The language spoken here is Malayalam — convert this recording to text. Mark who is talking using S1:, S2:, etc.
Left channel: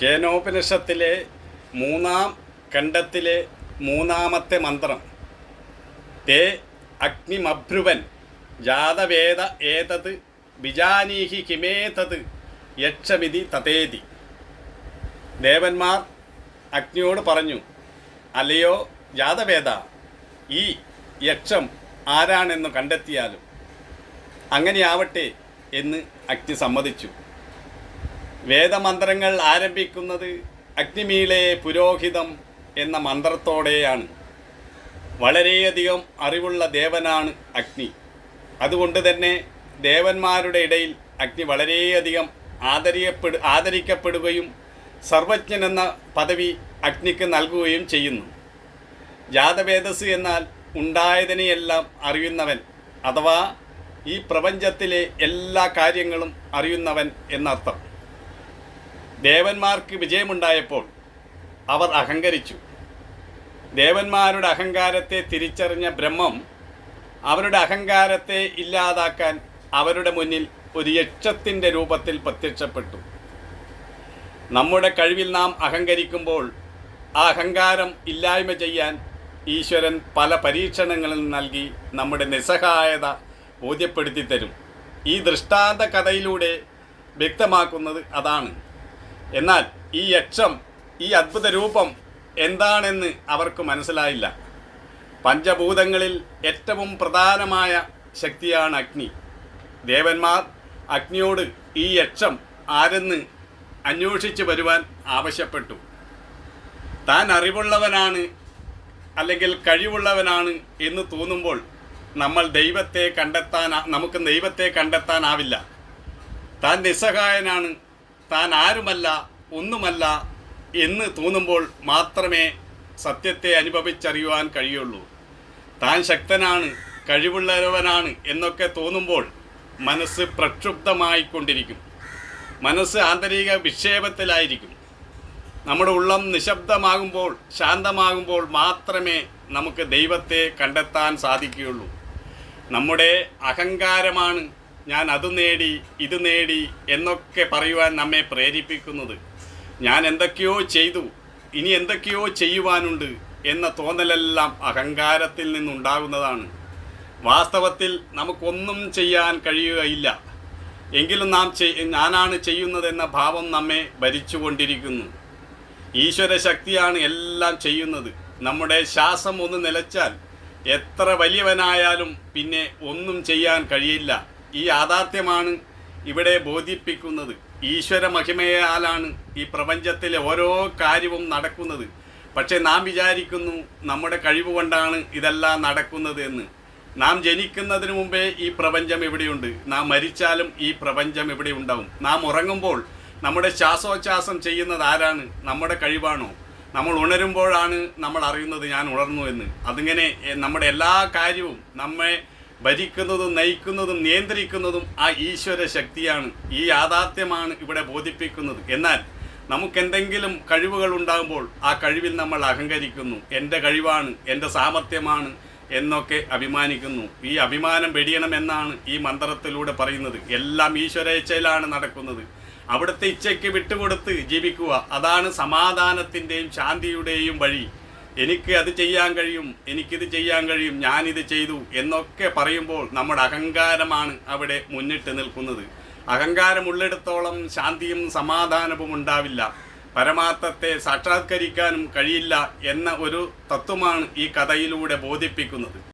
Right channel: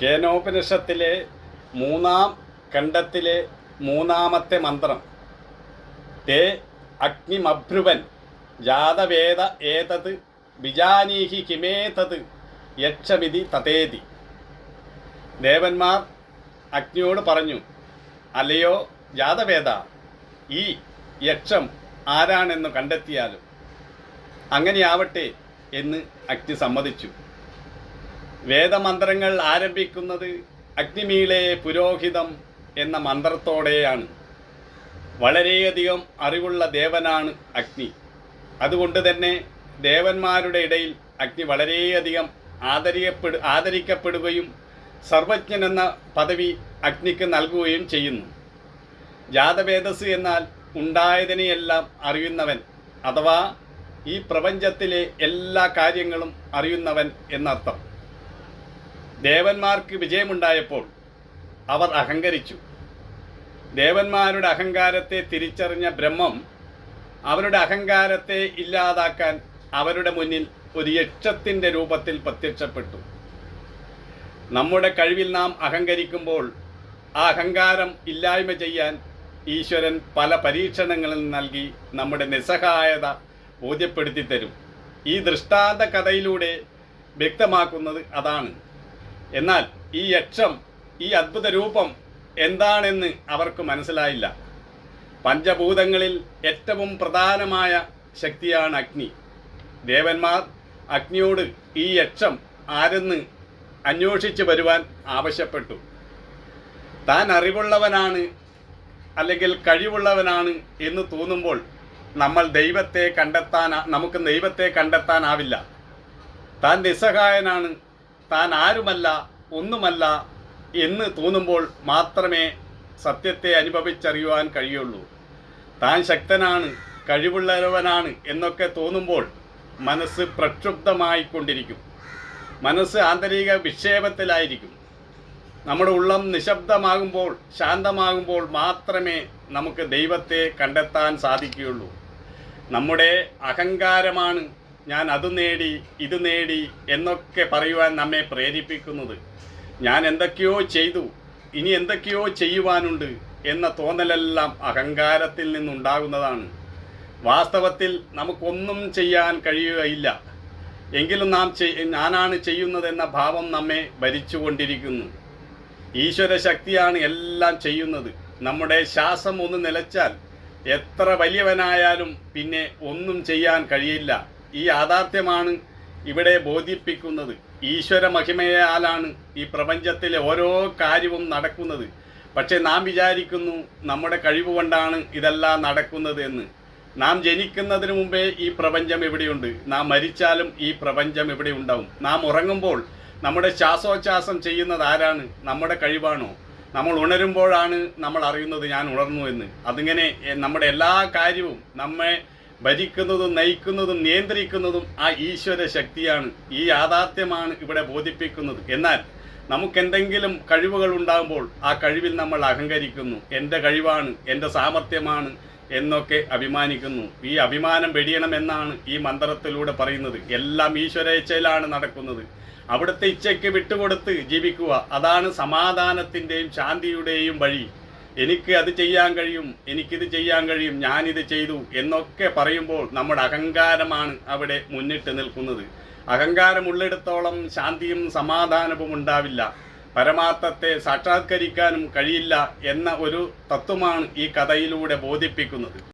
S1: കേനോപനിഷത്തിലെ മൂന്നാം ഖണ്ഡത്തിലെ മൂന്നാമത്തെ മന്ത്രം. തേ അഗ്നിമഭ്രുവൻ ജാതവേദ ഏതത് വിജാനീഹി കിമേതത് യക്ഷമിതി തതേതി. ദേവന്മാർ അഗ്നിയോട് പറഞ്ഞു അല്ലയോ ജാതവേദ ഈ യക്ഷം ആരാണെന്ന് കണ്ടെത്തിയാലും അങ്ങനെയാവട്ടെ എന്ന് അഗ്നി സമ്മതിച്ചു. വേദമന്ത്രങ്ങൾ ആരംഭിക്കുന്നത് അഗ്നിമീളെ പുരോഹിതം എന്ന മന്ത്രത്തോടെയാണ്. വളരെയധികം അറിവുള്ള ദേവനാണ് അഗ്നി. അതുകൊണ്ട് തന്നെ ദേവന്മാരുടെ ഇടയിൽ അഗ്നി വളരെയധികം ആദരിയപ്പെടു ആദരിക്കപ്പെടുകയും സർവജ്ഞൻ എന്ന പദവി അഗ്നിക്ക് നൽകുകയും ചെയ്യുന്നു. ജാതവേദസ് എന്നാൽ ഉണ്ടായതിനെയെല്ലാം അറിയുന്നവൻ അഥവാ ഈ പ്രപഞ്ചത്തിലെ എല്ലാ കാര്യങ്ങളും അറിയുന്നവൻ എന്നർത്ഥം. ദേവന്മാർക്ക് വിജയമുണ്ടായപ്പോൾ അവർ അഹങ്കരിച്ചു. ദേവന്മാരുടെ അഹങ്കാരത്തെ തിരിച്ചറിഞ്ഞ ബ്രഹ്മം അവരുടെ അഹങ്കാരത്തെ ഇല്ലാതാക്കാൻ അവരുടെ മുന്നിൽ ഒരു യക്ഷത്തിന്റെ രൂപത്തിൽ പ്രത്യക്ഷപ്പെട്ടു. നമ്മുടെ കഴിവിൽ നാം അഹങ്കരിക്കുമ്പോൾ ആ അഹങ്കാരം ഇല്ലായ്മ ചെയ്യാൻ ഈശ്വരൻ പല പരീക്ഷണങ്ങളും നൽകി നമ്മുടെ നിസ്സഹായത ബോധ്യപ്പെടുത്തി തരും ഈ ദൃഷ്ടാന്ത കഥയിലൂടെ വ്യക്തമാക്കുന്നത് അതാണ്. എന്നാൽ ഈ യക്ഷം ഈ അദ്ഭുത രൂപം എന്താണെന്ന് അവർക്ക് മനസ്സിലായില്ല. പഞ്ചഭൂതങ്ങളിൽ ഏറ്റവും പ്രധാനമായ ശക്തിയാണ് അഗ്നി. ദേവന്മാർ അഗ്നിയോട് ഈ യക്ഷം ആരെന്ന് അന്വേഷിച്ച് വരുവാൻ ആവശ്യപ്പെട്ടു. താൻ അറിവുള്ളവനാണ് അല്ലെങ്കിൽ കഴിവുള്ളവനാണ് എന്ന് തോന്നുമ്പോൾ നമ്മൾ ദൈവത്തെ കണ്ടെത്താൻ നമുക്ക് ദൈവത്തെ കണ്ടെത്താനാവില്ല. താൻ നിസ്സഹായനാണ് താൻ ആരുമല്ല ഒന്നുമല്ല എന്ന് തോന്നുമ്പോൾ മാത്രമേ സത്യത്തെ അനുഭവിച്ചറിയുവാൻ കഴിയുള്ളൂ. താൻ ശക്തനാണ് കഴിവുള്ളവനാണ് എന്നൊക്കെ തോന്നുമ്പോൾ മനസ്സ് പ്രക്ഷുബ്ധമായിക്കൊണ്ടിരിക്കും. മനസ്സ് ആന്തരിക വിക്ഷേപത്തിലായിരിക്കും. നമ്മുടെ ഉള്ളം നിശബ്ദമാകുമ്പോൾ ശാന്തമാകുമ്പോൾ മാത്രമേ നമുക്ക് ദൈവത്തെ കണ്ടെത്താൻ സാധിക്കുകയുള്ളൂ. നമ്മുടെ അഹങ്കാരമാണ് ഞാൻ അത് നേടി ഇത് നേടി എന്നൊക്കെ പറയുവാൻ നമ്മെ പ്രേരിപ്പിക്കുന്നത്. ഞാൻ എന്തൊക്കെയോ ചെയ്തു ഇനി എന്തൊക്കെയോ ചെയ്യുവാനുണ്ട് എന്ന തോന്നലെല്ലാം അഹങ്കാരത്തിൽ നിന്നുണ്ടാകുന്നതാണ്. വാസ്തവത്തിൽ നമുക്കൊന്നും ചെയ്യാൻ കഴിയുകയില്ല. എങ്കിലും നാം ഞാനാണ് ചെയ്യുന്നതെന്ന ഭാവം നമ്മെ ഭരിച്ചുകൊണ്ടിരിക്കുന്നു. ഈശ്വര ശക്തിയാണ് എല്ലാം ചെയ്യുന്നത്. നമ്മുടെ ശ്വാസം ഒന്ന് നിലച്ചാൽ എത്ര വലിയവനായാലും പിന്നെ ഒന്നും ചെയ്യാൻ കഴിയില്ല. ഈ യാഥാർത്ഥ്യമാണ് ഇവിടെ ബോധിപ്പിക്കുന്നത്. ഈശ്വര മഹിമയാലാണ് ഈ പ്രപഞ്ചത്തിലെ ഓരോ കാര്യവും നടക്കുന്നത്. പക്ഷേ നാം വിചാരിക്കുന്നു നമ്മുടെ കഴിവ് കൊണ്ടാണ് ഇതെല്ലാം നടക്കുന്നത് എന്ന്. നാം ജനിക്കുന്നതിന് മുമ്പേ ഈ പ്രപഞ്ചം എവിടെയുണ്ട്? നാം മരിച്ചാലും ഈ പ്രപഞ്ചം എവിടെ ഉണ്ടാവും? നാം ഉറങ്ങുമ്പോൾ നമ്മുടെ ശ്വാസോച്ഛ്വാസം ചെയ്യുന്നത് ആരാണ്? നമ്മുടെ കഴിവാണോ? നമ്മൾ ഉണരുമ്പോഴാണ് നമ്മൾ അറിയുന്നത് ഞാൻ ഉണർന്നു എന്ന്. അതിങ്ങനെ നമ്മുടെ എല്ലാ കാര്യവും നമ്മെ ഭരിക്കുന്നതും നയിക്കുന്നതും നിയന്ത്രിക്കുന്നതും ആ ഈശ്വര ശക്തിയാണ് ഈ യാഥാർത്ഥ്യമാണ് ഇവിടെ ബോധിപ്പിക്കുന്നത്. എന്നാൽ നമുക്കെന്തെങ്കിലും കഴിവുകൾ ഉണ്ടാകുമ്പോൾ ആ കഴിവിൽ നമ്മൾ അഹങ്കരിക്കുന്നു. എന്റെ കഴിവാണ് എന്റെ സാമർത്ഥ്യമാണ് എന്നൊക്കെ അഭിമാനിക്കുന്നു. ഈ അഭിമാനം വെടിയണമെന്നാണ് ഈ മന്ത്രത്തിലൂടെ പറയുന്നത്. എല്ലാം ഈശ്വരേച്ഛയിലാണ് നടക്കുന്നത്. അവിടുത്തെ ഇച്ഛയ്ക്ക് വിട്ടുകൊടുത്ത് ജീവിക്കുക അതാണ് സമാധാനത്തിന്റെയും ശാന്തിയുടെയും വഴി. എനിക്ക് അത് ചെയ്യാൻ കഴിയും എനിക്കിത് ചെയ്യാൻ കഴിയും ഞാനിത് ചെയ്തു എന്നൊക്കെ പറയുമ്പോൾ നമ്മുടെ അഹങ്കാരമാണ് അവിടെ മുന്നിട്ട് നിൽക്കുന്നത്. അഹങ്കാരമുള്ളിടത്തോളം ശാന്തിയും സമാധാനവും ഉണ്ടാവില്ല. പരമാർത്ഥത്തെ സാക്ഷാത്കരിക്കാനും കഴിയില്ല എന്ന ഒരു തത്വമാണ് ഈ കഥയിലൂടെ ബോധിപ്പിക്കുന്നത്.